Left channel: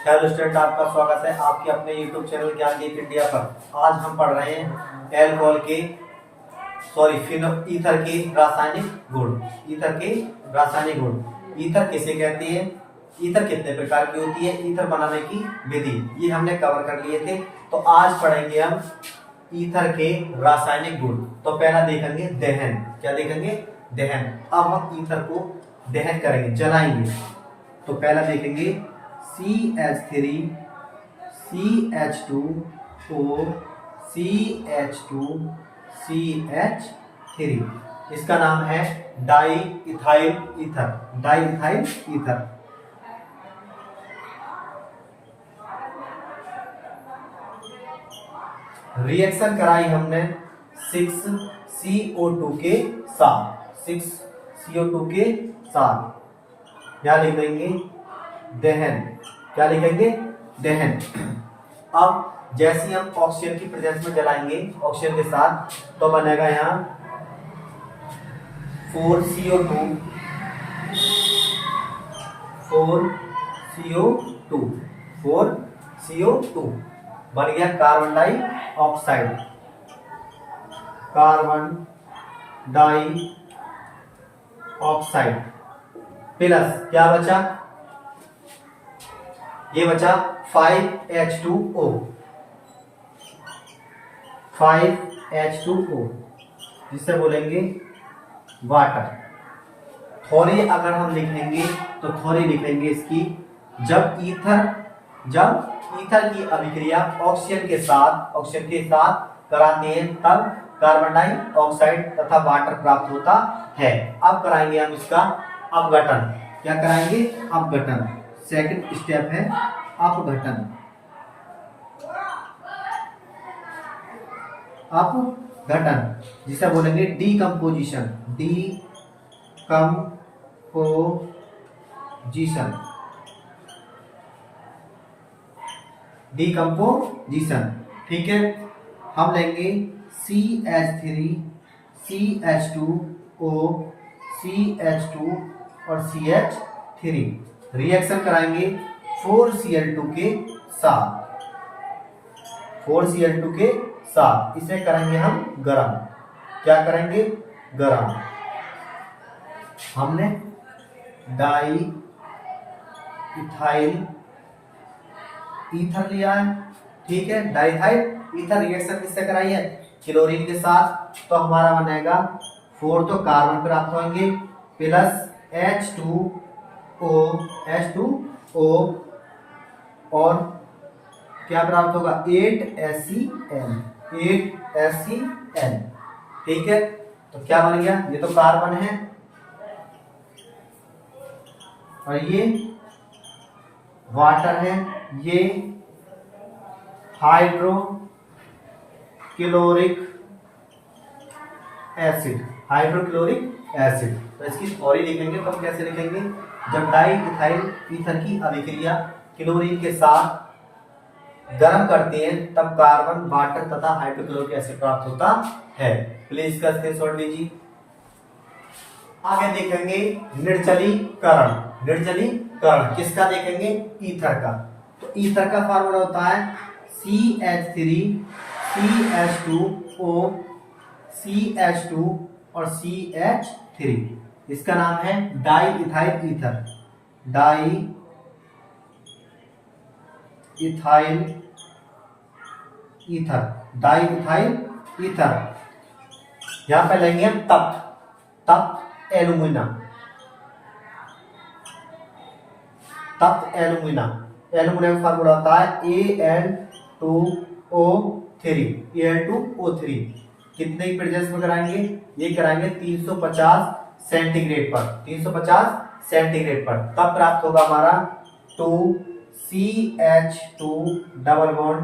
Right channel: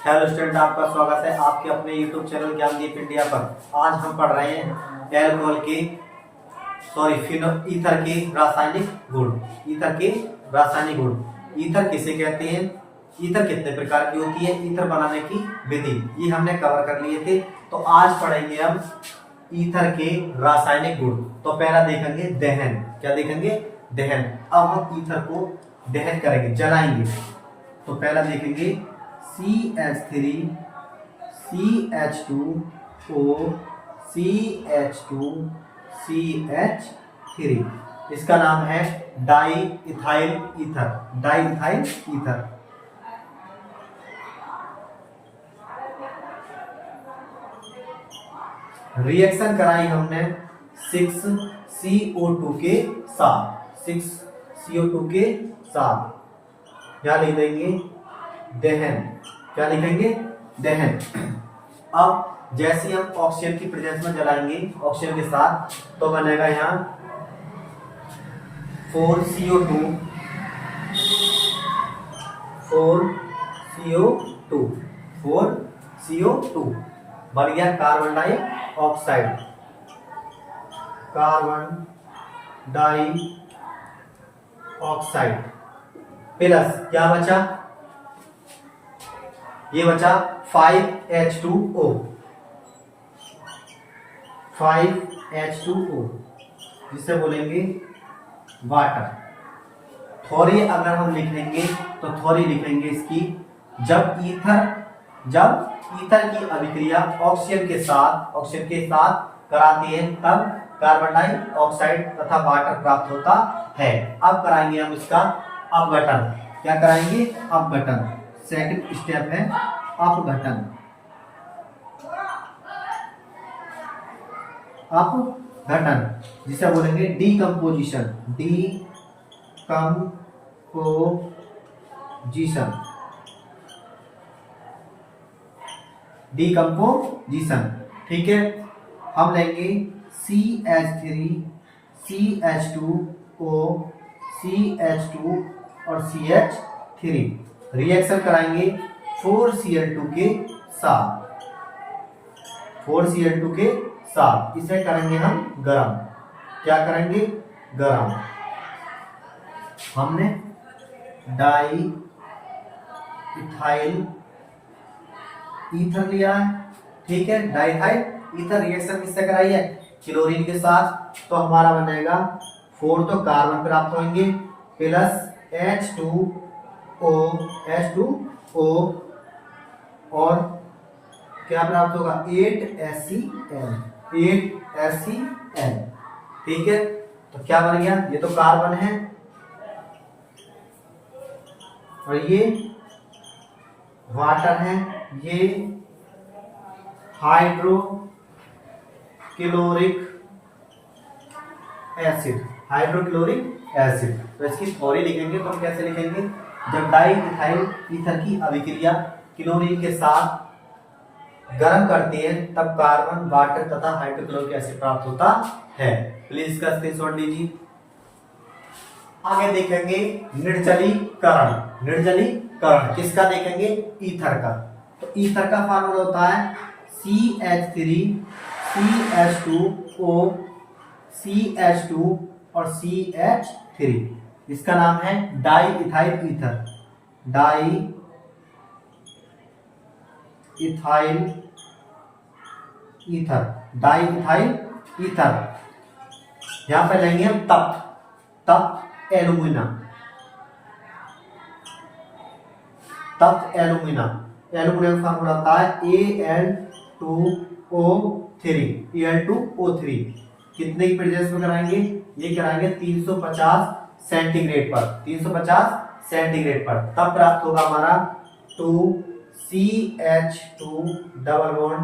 Hello student, आपका स्वागत है आपके अपने यूट्यूब चैनल ज्ञानदीप इंडिया पर। आज हम पढ़ रहे हैं एल्कोहल के ईथर के रासायनिक गुण। ईथर के रासायनिक गुण। ईथर किसे कहते हैं, ईथर कितने प्रकार की होती है, ईथर बनाने की विधि, ये हमने कवर कर लिए थे। तो आज पढ़ेंगे हम ईथर के रासायनिक गुण। तो पहला देखेंगे दहन। क्या देखेंगे? दहन। अब हम ईथर को दहन करेंगे, जलाएंगे। तो पहला देखेंगे CH3 CH2O CH2 CH3। इसका नाम है di ethyl ether. Di ethyl ether. Reaction कराई हमने 6CO2 के साथ। 6CO2 के साथ क्या लिख देंगे? दहन। क्या लिखेंगे? दहन। अब जैसे हम ऑक्सीजन की प्रेजेंस में जलाएंगे ऑक्सीजन के साथ, तो बनेगा यहाँ 4CO2 4CO2 बन गया carbon dioxide. Carbon dioxide plus क्या बचा? ये बचा 5H2O। 5H2O जिसे बोलेंगे वाटर। थोड़ी अगर हम लिखेंगे तो थोड़ी लिखेंगे इसकी, जब ईथर की अभिक्रिया ऑक्सीजन के साथ कराते हैं तब कार्बन डाइऑक्साइड तथा वाटर प्राप्त होता है। अब कराएंगे हम इसका अपघटन। क्या कराएंगे? अपघटन। सेकंड स्टेप है अपघटन। अपघटन जिसे बोलेंगे डीकंपोजिशन। डीकंपोजिशन। ठीक है। हम लेंगे CH3 CH2O CH2 और CH3। रिएक्शन कराएंगे 4Cl2 के साथ। 4Cl2 के साथ इसे करेंगे हम गरम। क्या करेंगे? गरम। हमने डाई इथाइल ईथर लिया है। ठीक है। डाई इथाइल ईथर रिएक्शन किससे कराई है? क्लोरीन के साथ। तो हमारा बनेगा 4 तो कार्बन प्राप्त होंगे प्लस H2O और क्या प्राप्त होगा? 8HCl। ठीक है। तो क्या बन गया? ये तो कार्बन है और ये वाटर है। ये हाइड्रोक्लोरिक एसिड। तो इसकी थ्योरी लिखेंगे तो हम कैसे लिखेंगे? जब डाई इथाइल ईथर की अभिक्रिया क्लोरीन के साथ गर्म करते हैं तब कार्बन, वाटर तथा हाइड्रोक्लोरिक एसिड प्राप्त होता है। प्लीज इसका स्क्रीनशॉट लीजिए। आगे देखेंगे निर्जलीकरण। निर्जलीकरण किसका देखेंगे? ईथर का। तो ईथर का फार्मूला होता है CH3 CH2O CH2 और CH3। इसका नाम है di ethyl ether. Di ethyl ether. यहां पे लेंगे हम तप्त एल्यूमिना। एल्यूमिना का फार्मूला होता है Al2O3। कितने की प्रेजेंस में कराएंगे? ये कराएंगे 350 सेंटीग्रेड पर। 350 सेंटीग्रेड पर तब प्राप्त होगा हमारा 2CH2 double bond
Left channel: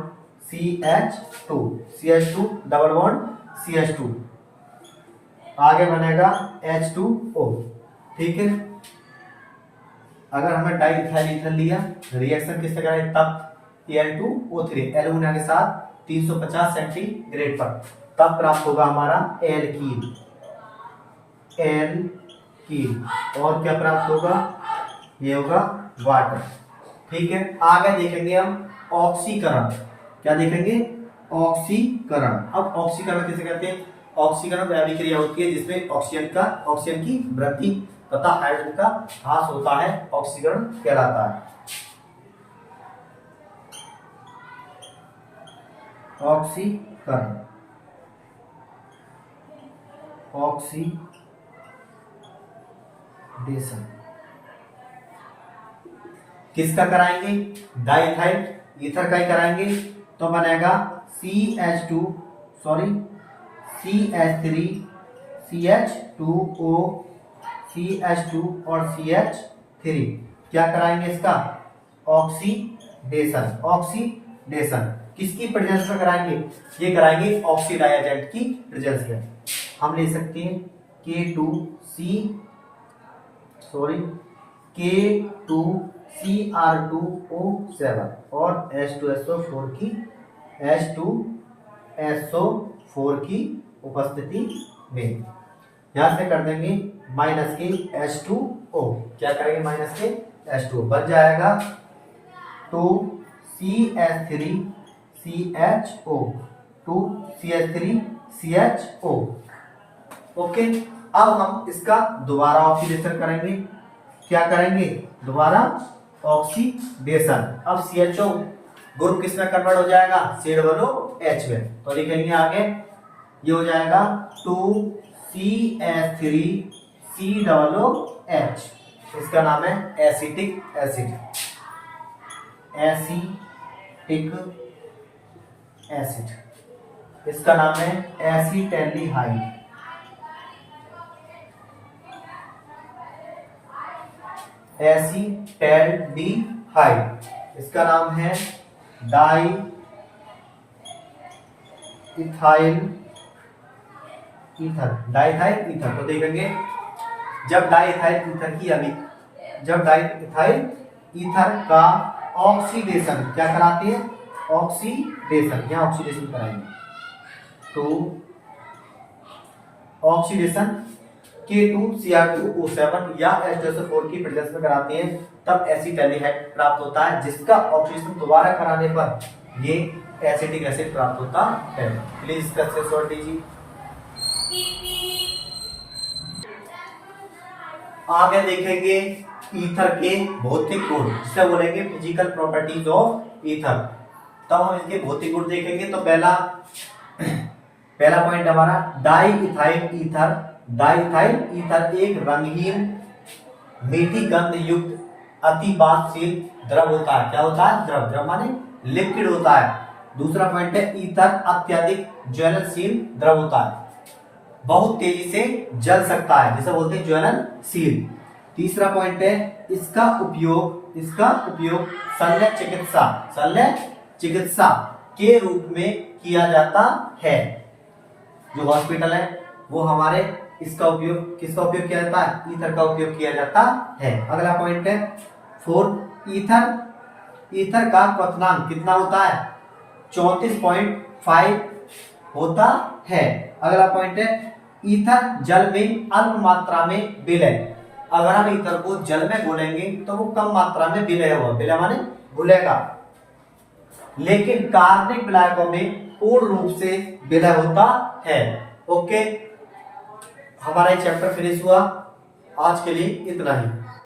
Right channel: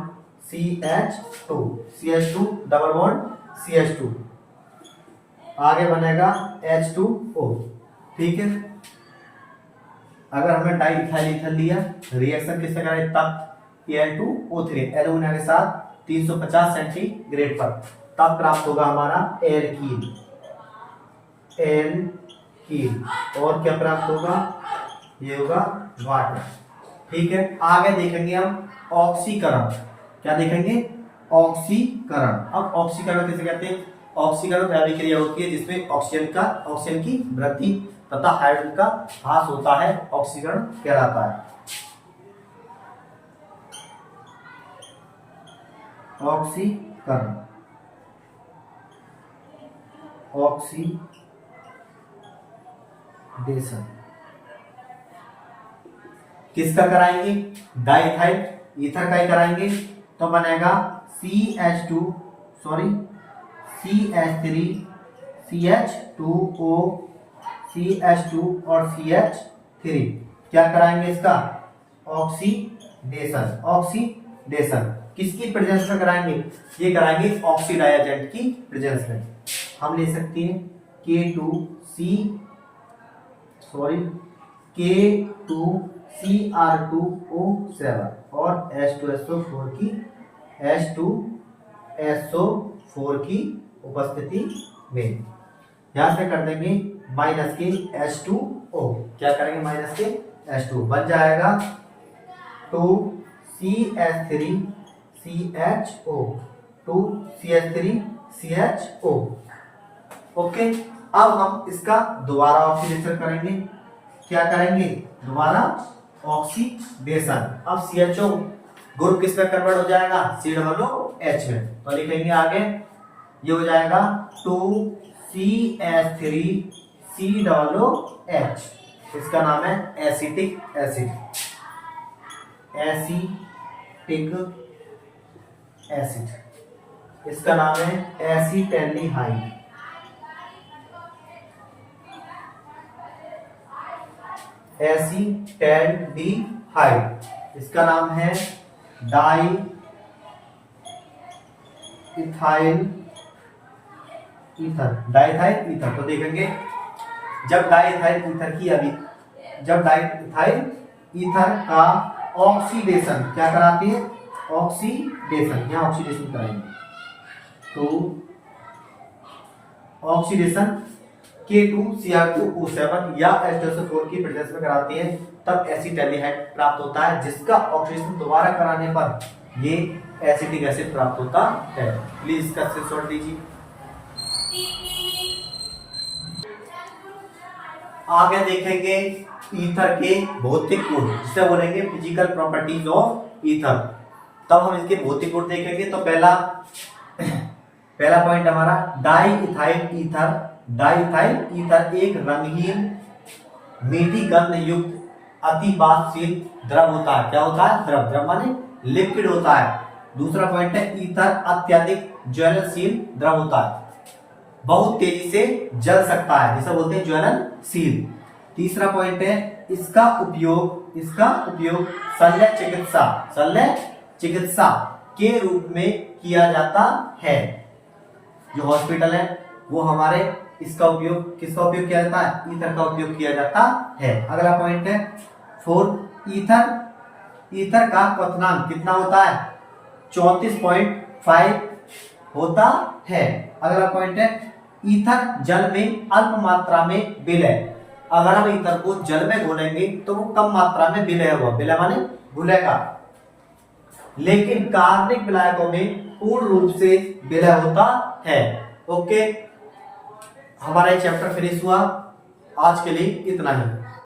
CH2 double bond CH2। आगे बनेगा H2O। ठीक है। अगर हमने डाई इथाइल ईथर लिया, रिएक्शन किससे कराएं? तब Al2O3 एल्यूमिना के साथ 350 सेंटीग्रेड पर तब प्राप्त होगा हमारा एल्कीन। और क्या प्राप्त होगा? ये होगा वाटर। ठीक है, आगे देखेंगे हम ऑक्सीकरण। क्या देखेंगे? ऑक्सीकरण। अब ऑक्सीकरण किसे कहते हैं? ऑक्सीकरण वह अभिक्रिया होती है जिसमें ऑक्सीजन की वृद्धि तथा हाइड्रोजन का ह्रास होता है, ऑक्सीकरण कहलाता है। ऑक्सीकरण, ऑक्सीडेशन किसका कराएंगे? डाइथाइल ईथर का ही कराएंगे, तो बनेगा CH2 sorry CH3 CH2O CH2 और CH3। क्या कराएंगे इसका? ऑक्सीडेशन। ऑक्सीडेशन किसकी प्रेजेंस में कराएंगे? ये कराएंगे ऑक्सीडाइज एजेंट की प्रेजेंस में। हम ले सकते हैं K2CR2O7 और H2SO4 की उपस्थिति में। यहां से कर देंगे माइनस के H2O। क्या करेंगे? माइनस के H2O बन जाएगा 2CH3CHO 2CH3CHO। ओके, अब हम इसका दोबारा ऑक्सीडेशन करेंगे। क्या करेंगे? दोबारा ऑक्सीडेशन। अब CHO ग्रुप किस में कन्वर्ट हो जाएगा? CH में। तो लिखेंगे आगे, ये हो जाएगा 2CH3COOH। इसका नाम है एसिटिक एसिड। एसिटिक एसिड, इसका नाम है एसिटैल्डिहाइड। एसिटैल्डिहाइड, इसका नाम है di ethyl ether. Diethyl ether. तो देखेंगे जब डाइथाइल ईथर का ऑक्सीडेशन क्या कराती है? ऑक्सीडेशन, यहां ऑक्सीडेशन कराएंगे तो ऑक्सीडेशन K2CR2O7 या H2SO4 की प्रेजेंस में कराते हैं, तब एसिटैल्डिहाइड प्राप्त होता है, जिसका ऑक्सीडेशन दोबारा कराने पर ये एसिटिक एसिड प्राप्त होता है। प्लीज इसका स्क्रीनशॉट दीजिए। आगे देखेंगे ईथर के भौतिक गुण, जिसे बोलेंगे फिजिकल प्रॉपर्टीज ऑफ ईथर। तब हम इसके भौतिक गुण देखेंगे। तो पहला पॉइंट हमारा डाइइथाइल ईथर। डाइइथाइल ईथर एक रंगहीन मीठी गंध युक्त अतिबाष्पशील द्रव होता है। क्या होता है? द्रव माने लिक्विड होता है। दूसरा पॉइंट है ईथर अत्यधिक ज्वलनशील द्रव होता है, बहुत तेजी से जल सकता है, जिसे बोलते हैं ज्वलनशील। तीसरा पॉइंट है इसका उपयोग शल्य चिकित्सा के रूप में किया जाता है। जो हॉस्पिटल है वो हमारे किसका उपयोग किया जाता है? ईथर का उपयोग किया जाता है। अगला पॉइंट है 4, ईथर का क्वथनांक कितना होता है? 34.5 होता है। अगला पॉइंट है ईथर जल में अल्प मात्रा में विलय। अगर हम ईथर को जल में घोलेंगे तो वो कम मात्रा में विलय होगा, विलय माने घुलेगा, लेकिन कार्बनिक विलायकों में पूर्ण रूप से विलय होता है। ओके, हमारा ये चैप्टर फिनिश हुआ। आज के लिए इतना ही।